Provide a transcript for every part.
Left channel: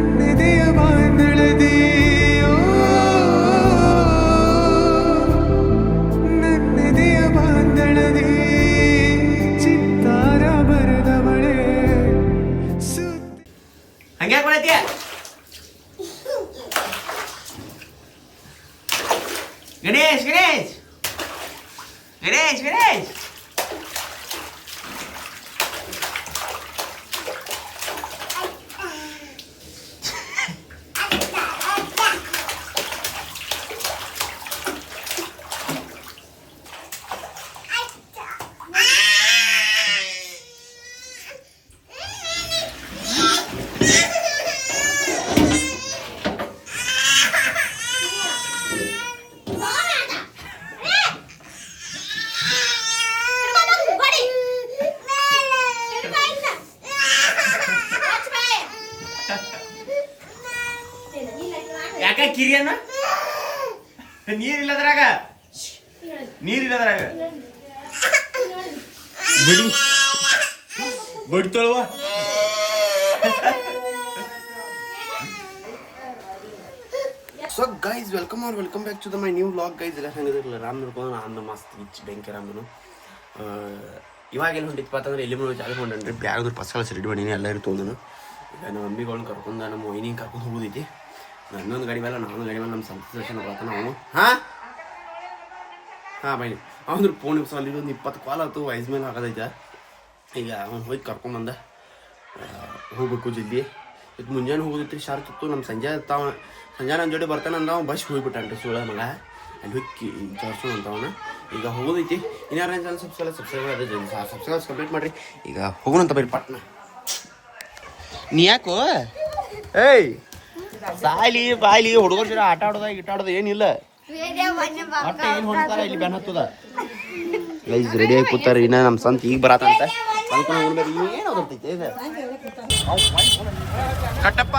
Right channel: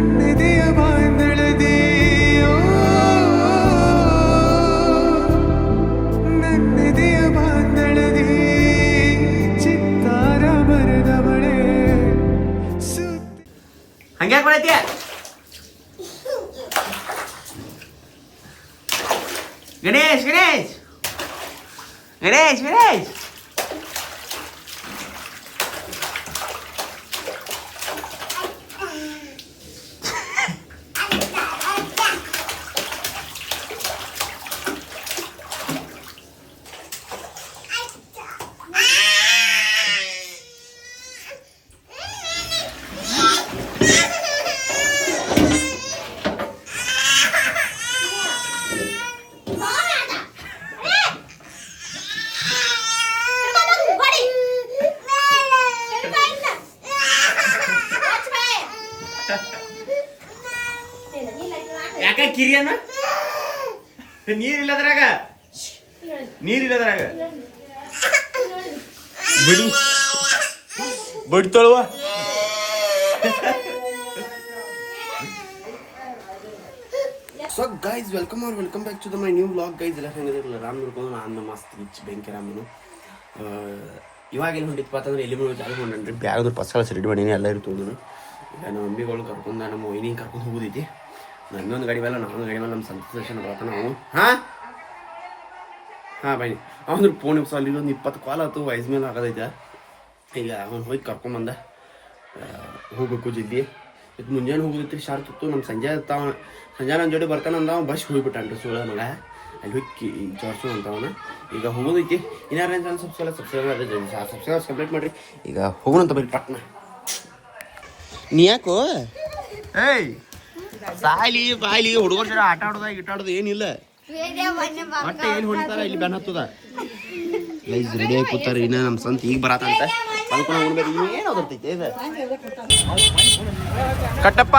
ನನ್ನೆದೆಯ ಬಾಂಧಳದಿ ನನ್ನೆದೆಯ ಬಾಂಧಳದಿ ಚಿತ್ತಾರ ಬರೆದವಳೆ ಸುತ್ತಿ ಹಂಗ್ಯಾಕ್ ಮಾಡೈತಿ ಗಣೇಶ್ ಗಣೇಶ್ ಗಣೇಶ್ ಗಣೇಶ್ ಯಾಕ ಕಿರಿಯನ ನೀರಿಲ್ಲದ್ರಾಗ ಬಿಡಿ ಬಿಡ್ತಳುವ so guys welcome back to my new vlog guys. ಎಲ್ಲ ಹೆಂಗಿರಲ್ಲ ರಾಮ್ ನೋಡ್ಕೊಂಡು ನಾನು ಮಸ್ತ್ ರಿಚ್ ಬೆಂಕಿ ರಾಮನು ಇವಾಗೆಲ್ಲ ಹೊಂಟಿತ್ತು ಅಂತಂದ್ರೆ ಎಲ್ಲಿ ಬಿಡೋ ಜಾಗ ಹೊಂಟನ್ರಿ ಬ್ಯಾಗದ್ರ ಪಸ್ಕಳ ರೆಡಿ ಮಾಡೀನಿ ಎಲ್ಲ ಇರ್ತದೆ ನಾನು. ಈಗ ನಮ್ಮ ಮಮ್ಮಿಗಳನ್ನ ಕರ್ಕೊಂಡು ನಮ್ಮ ವೈನಿಂಗ್ ಕರ್ಕೊಂಡು ಹೋಗೋದೈತಿ. ನನ್ನೊಂದು ಗಾಡಿ ಮೇಲೆ ನಾನೊಂದು ಗಾಡಿ ಮೇಲೆ ನಮ್ಮ ಸಂತೋಷ ಬರ್ತಾನ ನಾವು ಹಾಂ ಬೈನಿ ಅವನು ಫೋನ್ ಸಾಲ ಇದೊಂದು 20 ಕಾಲ್ ಆಯ್ತು ವಯಸ್ಸು ಮೇಲೆ ಆಗೋದೈತೆ. ಈಗ ಅವ್ನು ಹೋಗಿ ಕರ್ಕೊಂಬಂದ ಹೋಗ್ಬೇಕು ಜಲ್ದಿ. ಇದು ಮುಂಜಾನೆ ಹೋಗೋದೈತ್ರಿ ಶಾರ್ಪ್ ಇತ್ತು. ನಮ್ಮ ಸಂಜೆ ನನ್ನ ಜೋಡಿ ಬರ್ತಾನಂದ ಅವ್ನು ಬಸ್ ಹೋಗ್ಬಿಟ್ಟನ್ರಿ ಸುಳ್ಳ ಮಗ ಅಲ್ಲಿ ಹೋಗಿ ಜೋರ್ಸೋಣ ಅಂತವನ. ಈಗ ಹೋಗೋದೈತಿ ಇನ್ನಾರು ಏನು ಸಬ್ಸ್ಕ್ರೈಬ್ ಕಂಪ್ಲೀಟ್ ಮಾಡಿರಿ. ಈಗ ಹೋಗೋಣಂತ ಬರೀ ಪಟ್ನ. ನೀ ಯಾಕೋ ಏಯ್ ಸಾಯ್ಲಿ ಬಾಯ್ಲಿ ಹುಡುಗರ ಜೊತೆ ಆಟ ಆಡೋದು ಏನಿಲ್ಲ. ಆಟ ಏನು ಹೊಡಿತಾರ ಇಲ್ಲಿ ಬೆನ್ ಹತ್ತದ ರೆಡಿ ಆಗಿ ಕೂತಾರ. ಇನ್ನ ನಮ್ಮ ಸಂತ ಈಗ ಬರತ್ತಂತ ಅನ್ಕೊಂಡು ಹೋಗ್ಬೇಕು. ಏನು ಓದರ್ತೈತೆ ಇದು ಕಟ್ಟಪ್ಪ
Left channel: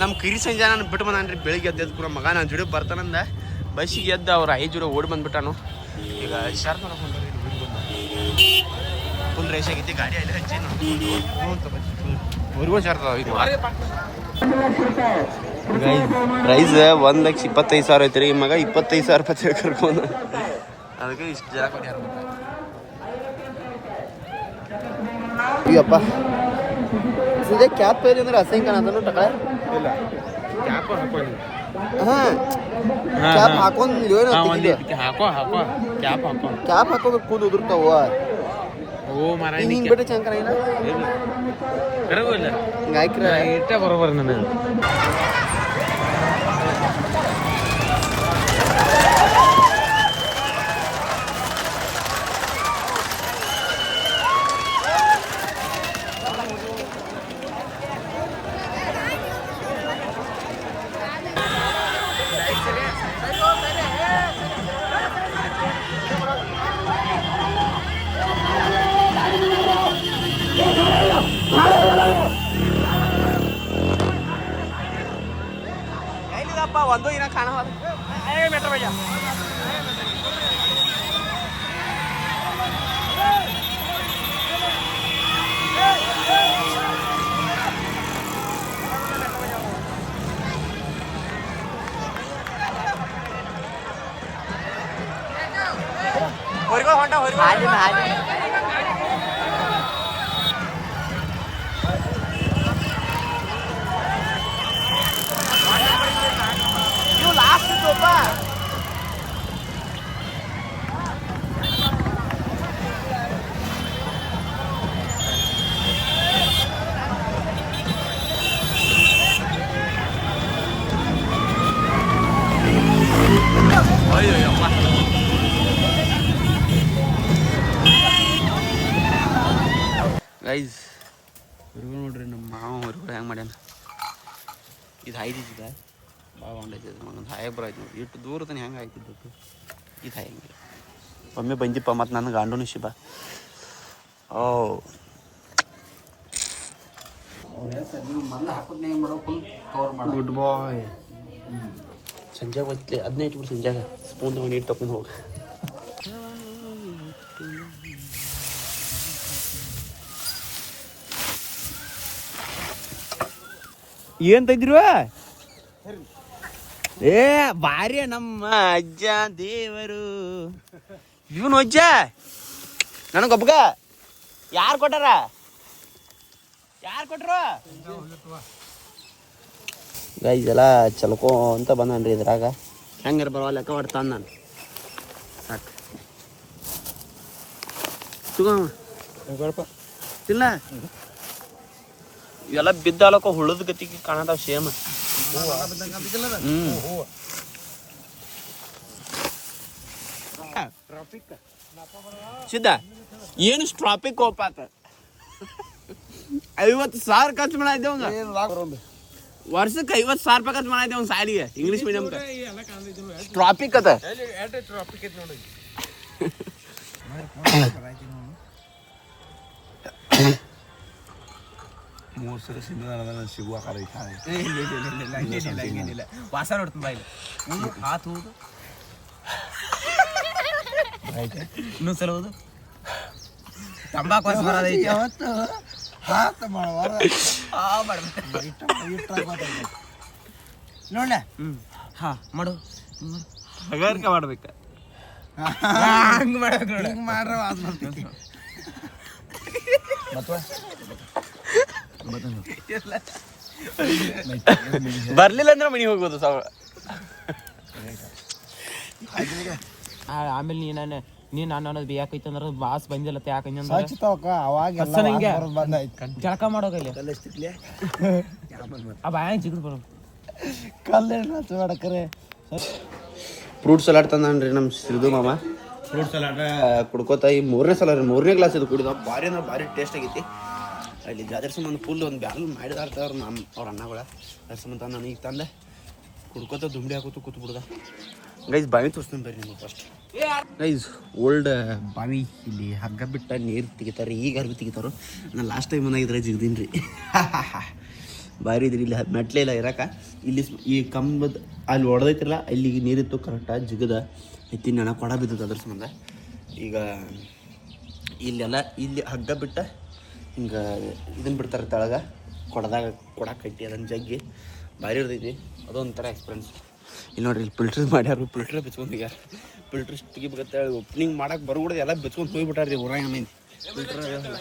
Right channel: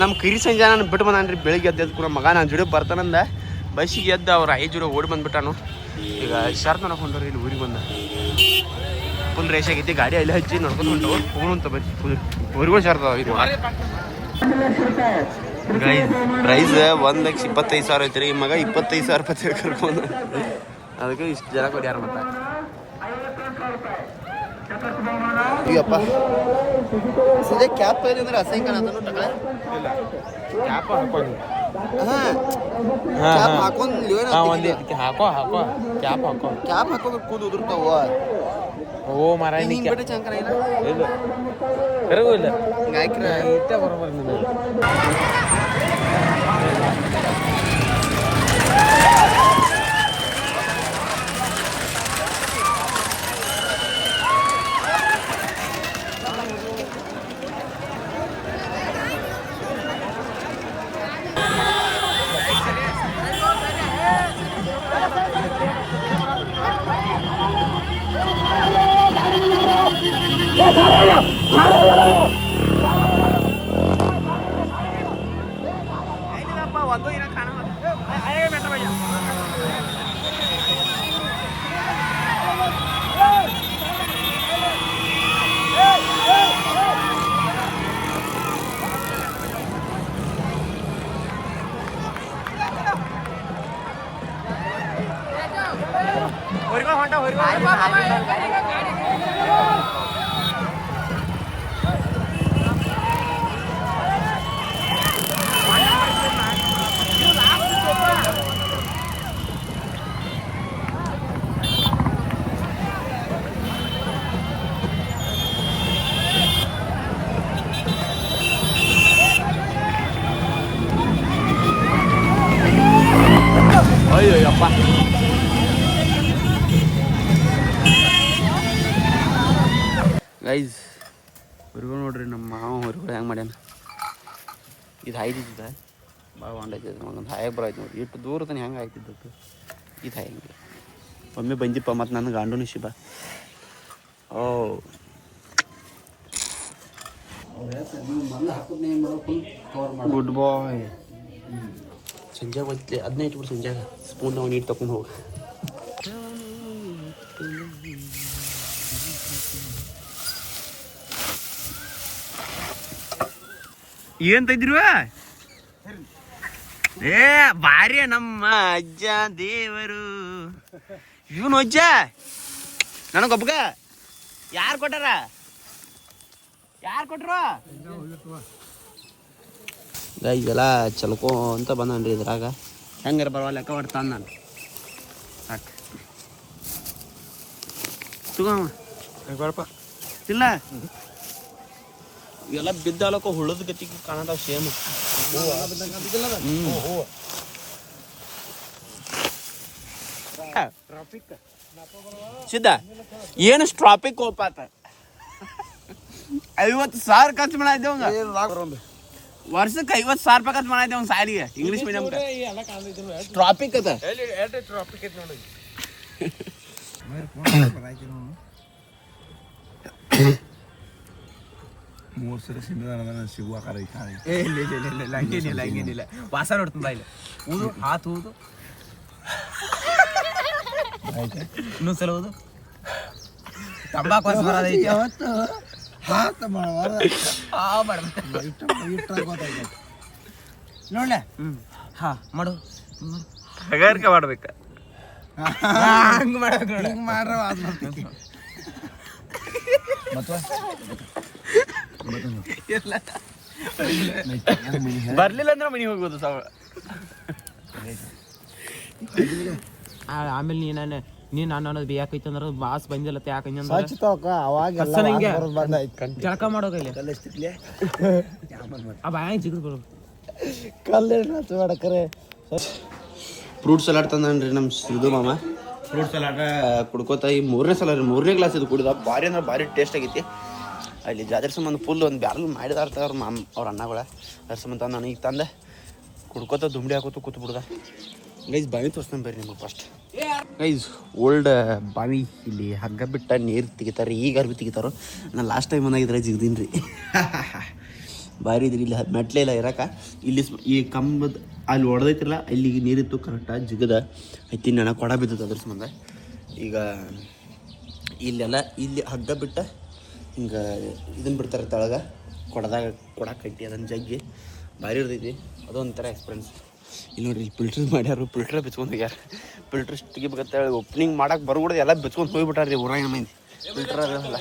ನಮ್ಮ ಕಿರಿ ಸಂಜೆ ನಾನು ಬಿಟ್ಟು ಬಂದಾನ್ರಿ. ಬೆಳಿಗ್ಗೆ ಎದ್ದು ಕೂಡ ಮಗ ನಾನು ಜೋಡಿ ಬರ್ತಾನಂದ ಬಸ್ಸಿಗೆ ಎದ್ದು ಅವ್ರ 5 ಜೋಡಿ ಓಡಿ ಬಂದ್ಬಿಟ್ಟಾನು. ಈಗ ಶಾರ್ಪ್ ನೋಡಕ್ ಹೊಂಟವ್ರಿ ಇಲ್ಲಿ ಊರಿಗೆ ಬಂದ ಫುಲ್ ರೇಸ್ ಆಗೈತಿ. ಗಾಡಿ ಅಲ್ಲಿ ಹಚ್ಚಿ ನೋಡ್ಕೊಂಡು ಹೋಗೋಣಂತ ಬಸ್ ಫುಲ್ ಊರಿಗೂ ಶಾರ್ಪ್ ಇದು. ಪ್ರೈಸ್ 1,25,000 ಐತ್ರಿ. ಮಗ 25,000 ರೂಪಾಯಿ ಕರ್ಕೊಂಡು ಅದಕ್ಕೆ ಇಷ್ಟು ಜನ ಕೊಡಿ ಯಾರು ಗೊತ್ತಾ. ಅಯ್ಯಪ್ಪ ಸಂಜೆ ಕ್ಯಾಪ್ ಪ್ರೈಸ್ ಅಂದ್ರೆ ಅಸಂಖ್ಯಾನ ಅದನ್ನು ಟಕಳೆ ಇಲ್ಲ ಕ್ಯಾಪ್ ಹಾಕೊಂಡು ಕ್ಯಾಪ್ ಹಾಕೊಂಡು ಹಾಕೋ ಕ್ಯಾಪ್ ಹಾಕೋದ್ರೆ ಕೂದು ಉದುರ್ತಾವ. ಓ ಮಾರ ಹಿಂಗೆ ಬಿಟ್ಟು ಚಂಕನ ಇಲ್ಲ ಹಾಕ್ರ ಇಷ್ಟ ಬರೋಬರ್ ನನಗೆ. ಒಂದು ಇನ್ನ ಕಾಣ ಹೊರಗೋ ಹೊಂಟ ಹೊರಗೋ ಅಯ್ಯಪ್ಪ ಗೈಸ್ ಹೊರಗು ನೋಡ್ರಿ ನಮ್ಮ ಮಾವ ಹೊರಗಡೆ ಹೆಂಗೆ ಮಾಡ್ಯಾನ. ಇದು ಹಾಯ್ದಿದ್ದ ಭಾಳ ಹೊಂಡೈತೆ ಒಂದು ಹಾಯಕ್ಕೆ ಬರಾಯ್ತು ನೋಡ್ರಿ. ಇಟ್ಟು ದೂರ ತಾನೆ ಹೆಂಗೆ ಹಾಯ್ತಿದ್ದಕ್ಕೆ ಇದು ಹಾಯಂಗಿಲ್ಲ. ಒಮ್ಮೆ ಬಂದಿಪ್ಪ ಮತ್ತು ನನಗೆ ಗಂಡು ಶಿಬ ಗುಡ್ ಬಾಯ್. ಸಂಜೆ ಹೋಗ್ಲಿ ಅದನ್ನೇ ಇಟ್ಬಿಟ್ಟು ಸಂಜೆಗೆ ಸ್ಪೂನ್ ನಾವು ನೀರು ತಗೊಂಡು ಹೋಗಿ. ಏನ್ ತಂದಿರುವ ಏ ಭಾರಿ ನಮ್ಮ ಅಜ್ಜ ದೇವರು ಇವನು ಅಜ್ಜ ನನಗೊಬ್ಬಗ ಯಾರು ಕೊಟ್ಟಾರ ಇದೆಲ್ಲ ಚಲ್ಕೋ ಅಂತ ಬಂದನ್ರಿ ಇದ್ರಾಗ ಹೆಂಗಾರ ಬರವ ಲೆಕ್ಕ ಹೊಡ್ತಾನ ನಾನು ಸಾಕು ಇಲ್ಲ ಇವೆಲ್ಲ ಬಿದ್ದಾಲಕ್ಕ ಹುಳದ ಗತಿಗೆ ಕಾಣತಾವ ಸೇಮ್ ಸಿದ್ಧ ಏನು ಟ್ರಾಫಿಕ್ ಹೋಪಾತ 50,000 ಖರ್ಚು ಮಾಡಿದ್ದೇವಂಗ ವರ್ಷಕ್ಕೆ 50,000 ರೂಪಾಯಿ ಖರ್ಚು ಮಾಡಿದ್ದೆ ಒಂದು ಸಾಲಿಗೆ ಇಂಗ್ಲೀಷ್ ಮೀಡಿಯಂ ಟ್ರಾಫಿಕ್ ಅದ ಹಂಗೇನಿಲ್ಲ ವಾಸ ನೋಡ್ತೀನಿ ಬಾಯಿಲ್ಲ ಊದು ಹಾತು ಊದು ಇನ್ನೊಂದ್ಸಲ ಊದು ತಂಬಾಕು ವಾಸ ಬರೋದೈತಿ ಅವತ್ತು ನೋಡ ಹಾ ಮಾಡು ಹಗಾರಿಕೆ ಮಾಡ್ಬೇಕ ಹಂಗ ಮಾಡ್ರ ಬರ್ಲಿಲ್ಲ ಅಂದ್ರೆ ಮನೆಗೆ ಹೋಗೋದು ಆಮೇಲೆ ನೀನ್ ನಾನು ಅನ್ನೋದು ಬೇಕೈತೆ ಅಂದ್ರೆ ಬಾಸ್ ಬಂದಿಲ್ಲ ಯಾಕಂದ್ರೆ ಜಳಕ ಮಾಡೋಕಲ್ಲಿ ಫ್ರೂಟ್ ಸಲಾಡ್ ತಂದನ್ರಿ ನಮ್ಮ ಸಿದ್ದು ಮಾಮ ಫ್ರೂಟ್ ಸಲಾಡ್ ಕುಡ್ಕೋತ ಈ 3ನೇ ಸಲ ರೀ 3ನೇ ಗ್ಲಾಸ್ ಇದು ಕುಡಿದ ಭಾರಿ ಅಂದ್ರೆ ಭಾರಿ ಟೇಸ್ಟ್ ಆಗೈತಿ ಅಲ್ಲಿ ಜಾತ್ರೆ ಸಂಬಂಧ ಫುಲ್ ಒಂದು ಬ್ಯಾರಲ್ ಮಾಡಿದಾರ್ತ ಅವ್ರ ಅವ್ರ ಅಣ್ಣಗಳ ಅದ್ರ ಸಂಬಂಧ ನಾನು ಈಗ ತಂದೆ ಕುಡ್ಕೋತ ದುಂಬಡಿ ಹಾಕೋತು ಕೂತು ಬಿಡ್ದ ಗೈಸ್ ಬಾವಿ ತೋರಿಸ್ತೀನಿ ಬರ್ರಿ ನಿಮಗೆ ಫಸ್ಟ್ ಗೈಸ್ ಓಲ್ಡ್ ಬಾವಿ ಇಲ್ಲಿ ಹಗ್ಗ ಬಿಟ್ಟ ನೀರು ತೆಗಿತಾರೆ ಈಗ ಅರ್ಬಿ ತೆಗಿತಾರೋ ನಾನು ಲಾಸ್ಟ್ ಟೈಮ್ ಏನಾಗಿದ್ರೆ ಜಿಗ್ದೀನಿ ರೀ ಭಾರಿ ಇದ್ರಿ ಇಲ್ಲಿ ಮೆಟ್ಲೆ ಇಲ್ಲ ಇರಕ ಇಲ್ಲಿ ಈ ಕಂಬದ ಅಲ್ಲಿ ಹೊಡೆದೈತಿರಲ್ಲ ಇಲ್ಲಿಗೆ ನೀರಿತ್ತು ಕರೆಕ್ಟಾಗಿ ಜಿಗದ ಐತಿ ನೆನ ಕೊಡ ಬಿದ್ದದ ಅದ್ರ ಸಂಬಂಧ ಈಗ ಇಲ್ಲೆಲ್ಲ ಇಲ್ಲಿ ಹಗ್ಗ ಬಿಟ್ಟ ಹಿಂಗೆ ಇದನ್ನು ಬಿಡ್ತಾರೆ ತೆಳಗ ಕೊಡದಾಗ ಕೊಡ ಕಟ್ಟಿ ಅದನ್ನು ಜಗ್ಗಿ ಭಾರಿ ಇರ್ತೈತಿ ಅದೊಂಥರ ಎಕ್ಸ್ಪೀರಿಯನ್ಸ್ ಇಲ್ಲಿ ನೋಡ್ರಿ ಇಲ್ಲಿ ಫಿಲ್ಟರ್ ಮಾಡ್ಯಾರು ಫಿಲ್ಟರ್ ಬಿಚ್ಕೊಂಡು ಹೋಗ್ಯಾರ ಫಿಲ್ಟರ್ ತೆಗಿಬೇಕಂತ ಹೇಳಿ ಓಪನಿಂಗ್ ಮಾಡಕ್ಕೆ ಬರ್ಬಿಡೋದು ಎಲ್ಲ ಬಿಚ್ಕೊಂಡು ಹೋಗ್ಬಿಟ್ಟಾರ್ರಿ ಊರಾಗ ಮಂದಿ ಫಿಲ್ಟರ್ ಅದಲ್ಲ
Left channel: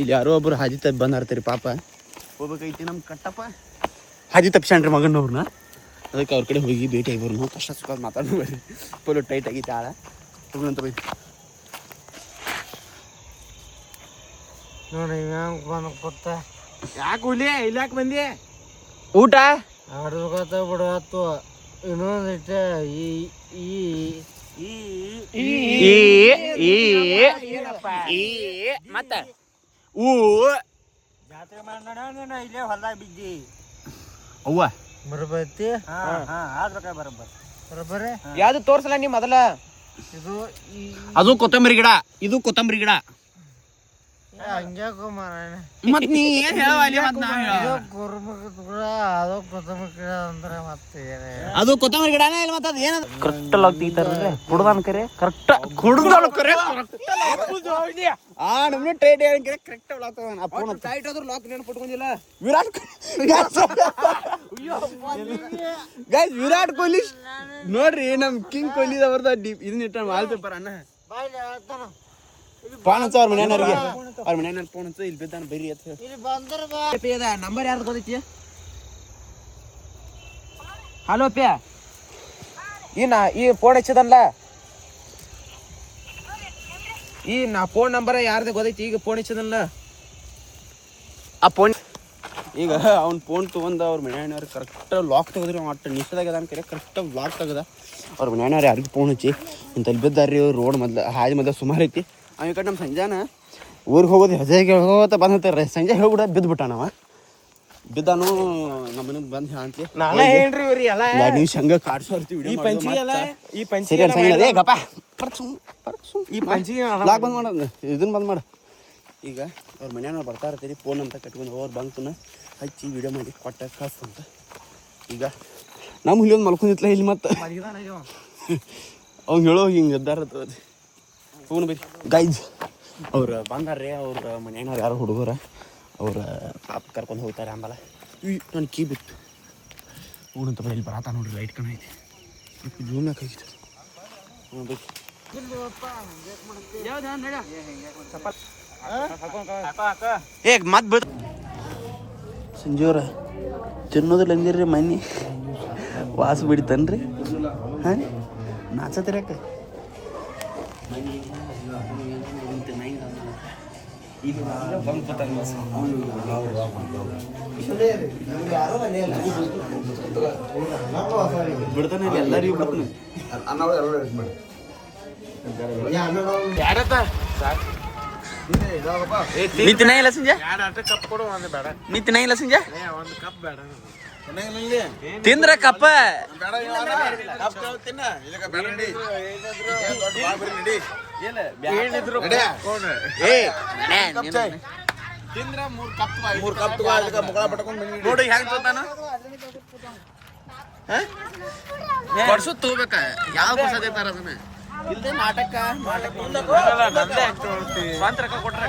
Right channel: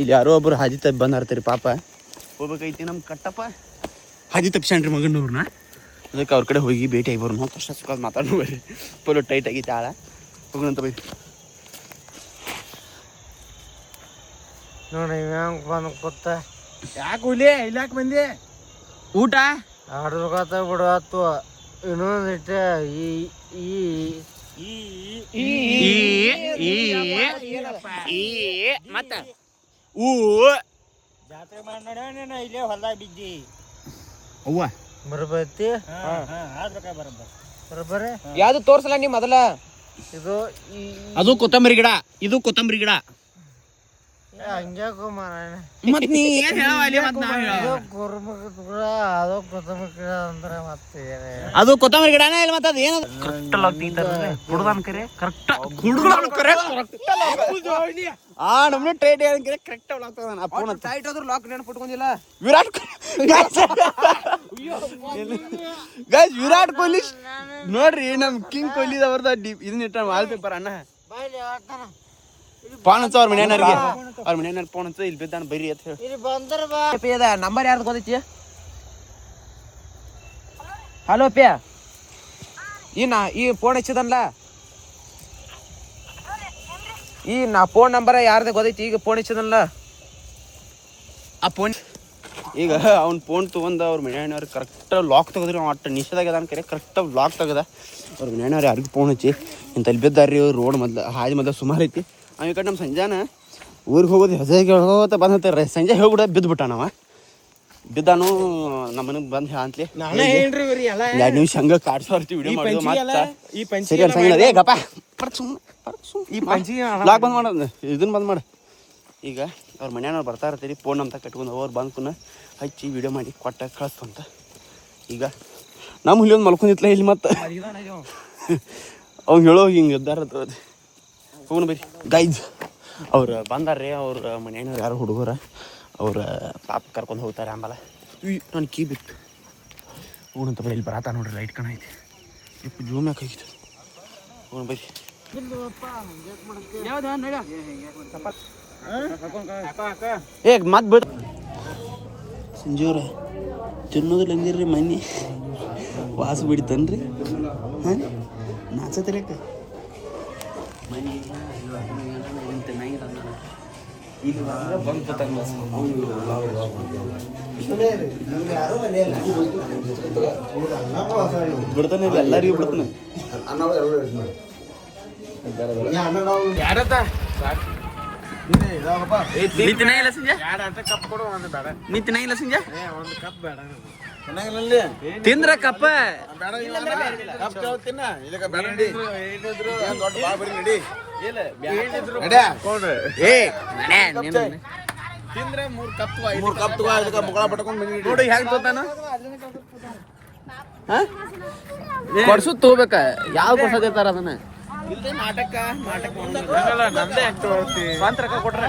ಇಲ್ಲಿ ಯಾರೋ ಒಬ್ರು ಹಾದಿ ತಪ್ಪಿ ಬಂದಾರ್ತೀರಿ ಪಾಪ ಹೋಗ್ಬೇಕೈತಿ ನಮ್ಮ ಕಟ್ಟಪ್ಪ ಹಾದಿ ತಪ್ಪಿಸ್ಯಾನ್ರಿ ಮಗನವ್ರನ್ನ ಅದಕ್ಕೆ ಅವ್ರ ಕಡೆ ಹೋಗಿ ಭೇಟಿ ಆಗಿ ಬರೋನು ಕಷ್ಟ ಸುಖ ಮಾತಾಡೋ ಬರ್ರಿ ಫುಲ್ಲು ಟೈಟ್ ಆಗೈತಿ ಆಳ ಹೋಗೋಣಂತ ಬೈ ನೋಡಿ ಬಂದು ಕೂತ ಯಾಕೆ ಹುಲಿ ಇಲ್ಲಾಕೆ ಬಂದಿ ಊಟ ಆಡ್ಬೇಕತ್ತ ಬಿಡತ್ತು ಇನ್ನೊಂದಿಟ್ಟ ಮತ್ತ ಜಾತ್ರೆ ಮಾಡಿ ನೋಡ ಇಲ್ಲೇ ಹೊಲ್ದಾಗ ಬಿದ್ದಿ ಅವ್ವ ಬರಬೈತಿ ಬರಬರಿ ಯಾವ್ದು ತೋರ್ಸಲ್ಲ ನೀ ಮೊದಲ ಇದು ಅದು ಕೊತ್ತಂಬರಿ ಗಿಡ ಇದು ಕೊತ್ತಂಬರಿ ಗಿಡ ಹಂಗ್ಯಾಕೋ ಮಾರಾಯಣ ಮತ್ ನೀ ಅದು ಕೊತ್ತಂಬರಿ ಗಿಡನೇ ಇಲ್ಲ ಮತ್ತೆ ಅದು ಏನದು ಕರೆಕ್ಟ್ ಹುಡುಗನ ಕರೆ ಕರೆಕ್ಟ್ ಹುಡುಗನ ಕರೆ ಆ ನಮ್ಮನೆ ಟ್ರೇಡ್ ಏನಂದ್ರೆ ಕರೆಕ್ಟ್ ಲಾಕ್ ಆ ಫೋನ್ ಟೈಟ್ ಆದ್ರೂ ಲಾಕ್ ನೆನಪಿಟ್ಕೊಂಡಿಲ್ಲ ವಿರಾಟ್ ಗೈಸ್ ವಿರಾಟ್ ಕೊಹ್ಲಿ ನೋಡ್ರಿ ನಮ್ ಕಿಂಗ್ ಕೊಹ್ಲಿ ಅವ್ರದ ಇದನ್ನ ಇಟ್ಟ ವಾಲ್ ಪೇಪರ್ ಅಣ್ಣ ಫೋನ್ ಹಚ್ಚ ಅವ್ರ ಮನೆಯವ್ರಿಗೆ ಅವ್ರ ಮನೆಯವ್ರ ಫೋನ್ ಹಚ್ಚ ಇಲ್ಲಿ ಬಿದ್ದಾನ ಬೈರಿ ಅಂತ ಹೇಳಿ ನಂಬರ್ ಯಾರ್ದು ಗೊತ್ತೈತಿ ಹಲೋ ಪ್ಯ ಈ ಫೋನ್ ಹಚ್ಚಿದನ್ಲ ಈ ನಾ ಫೋನ್ ನಂಬರ್ ಯಾರ್ದು ಗೊತ್ತೈತಿ ಈಗ ಫೋನ್ ಹಚ್ಚಿದನ್ಲ ಆ ಫೋನ್ ಈಗ ಅವ್ನ ಫೋನ್ ತೊಗೊಂಡು ಅವ್ರ ಮನೆಯವ್ರು ಕರೆಕ್ಟ್ ಲಾಕ್ ತೆಗೆದ್ರಿ ಒಟ್ಟು ನಿಷೇಧಾಗ್ಯದ ಅನ್ಕರೆ ಕರೆಕ್ಟ್ ಲಾಕ್ ತೆಗದ ಅವ್ರ ಮನೆಯವ್ರು ಯಾರಿಗೂ ಫೋನ್ ಹಚ್ಚಿ ಇಂತಲ್ಲಿ ಬಿದ್ದಾರ್ರಿ ರೋಡ್ ಮೊದ್ಲು ಹಾದಿ ಮೊದಲು ಸುಮಾರು ಐತಿ ಈ ಕಡೆ ನಮ್ಮ ಸಂಜಾನ ಊರಿಗೆ ಹೋಗೋದು ಹೆಸರಿಗೆ ಹೋಗೋತ ಬಂದ್ರೆ ಸಂಜೆ ಹೋಗ್ಬಿಡ ಬಿದ್ದುಬಿಟ್ಟ ನಾವು ಬಿದ್ದಾನು ನಮ್ಮ ಮನೆಗೆ ಬಂದು ಅಂತಲಿ ಎರಡು ನಿಮಿಷ ಹಂಗೆ ಕಾಡ್ಸೋರ್ತಿ ವಿಡಿಯೋ ಲಾಕ್ ಬಂದ್ ಮಾಡೋದು ಇದನ್ನ ಬಂದ್ ಮಾಡು ಈಗ ಅವ್ರ ಮನೆಯವ್ರು ಬರ್ತಾ ಇರ್ತೀರಿ ಫೋನ್ ಅಂತ ಕಟ್ಕೊಂಡು ಅವ್ರು ಬಂದು ಹಚ್ಚಿ ವಿಡಿಯೋ ಮಾಡಿ ಕೊಟ್ಟ ಕಳಿಸ್ತು ಅಂತ ಈಗ ನಮ್ಮ ಹುಲಿ ಒಂದು ಮಲ್ಕೊಂಡಿತ್ಲ ಇಲ್ಲಿ ಮತ್ತೆ ಅವ್ನು ಹೇಳೋ ಹಿಂಗೆ ಎದ್ದಾರ ಹೋಗೋಣ ಬರೀ ಗೈಸ್ ಅವ್ರು ಬಂದಾರ್ರಿ ಅವ್ರ ಮನೆಯವ್ರು ಯಾರು ಹುಡುಗರ ಅವ್ರ ಪಾಪ ಕರ್ಕೊಂಡು ಹೋಗ್ತಾರೆ ಆಂಬಲ ನಾನು ಕೀ ಬಿತ್ತು ಹೋಗೋಣ ಬರೀ ಇಲ್ಲಿ ಬರತ್ತ ನೋಡ್ರಿ ಲೈಟ್ ಕಾಣೈತಿ ಇಪ್ಪ ಜೂಮ್ನಾಗ ಆಗಿತ್ತು ಹೋಗೋಣ ಬರೀ ಏ ಮತ್ ಬಿಡ್ ಸಂಜೆವ್ರ ತಿನ್ನೋದಿಲ್ಲ ಅಂದಿರ್ರಿ ಮನೆ ವಾಸ ಬಿಡ್ತನ್ರಿ ಹಾಂ ನಾಚತ್ರಿಯಾಕ ಮನೆ ಈಗ ಬಂದು ಬತ್ತಾನ ಬಸ್ ಬಿಡ್ತಾನೆ ಎಲ್ಲರಿಗೂ ಬಿಡ್ತಾನೆ ನಿಂತಿನ ಇಲ್ಲ ಸಂಜೆ ನಿಂತಿನ ಇಲ್ಲ ಸಂಜೆ ತಿಂದ್ರ ಕಪ್ಪ ತಿಂದ್ರ 3 ಕಪ್ ನೋಡಿ ಹೆಂಗ್ ತೋತಾನ ಕೊಡ್ಸು ತಗೋಬೇಕ ಯಾವ ಕೊಡ್ಸಕೈತಾರ ಅದನ್ನ ಇಲ್ದೇ ನಾಟಕ ನಂದೇ ಸ್ವಂತ ರೊಕ್ಕ ಕೊಟ್ರೆ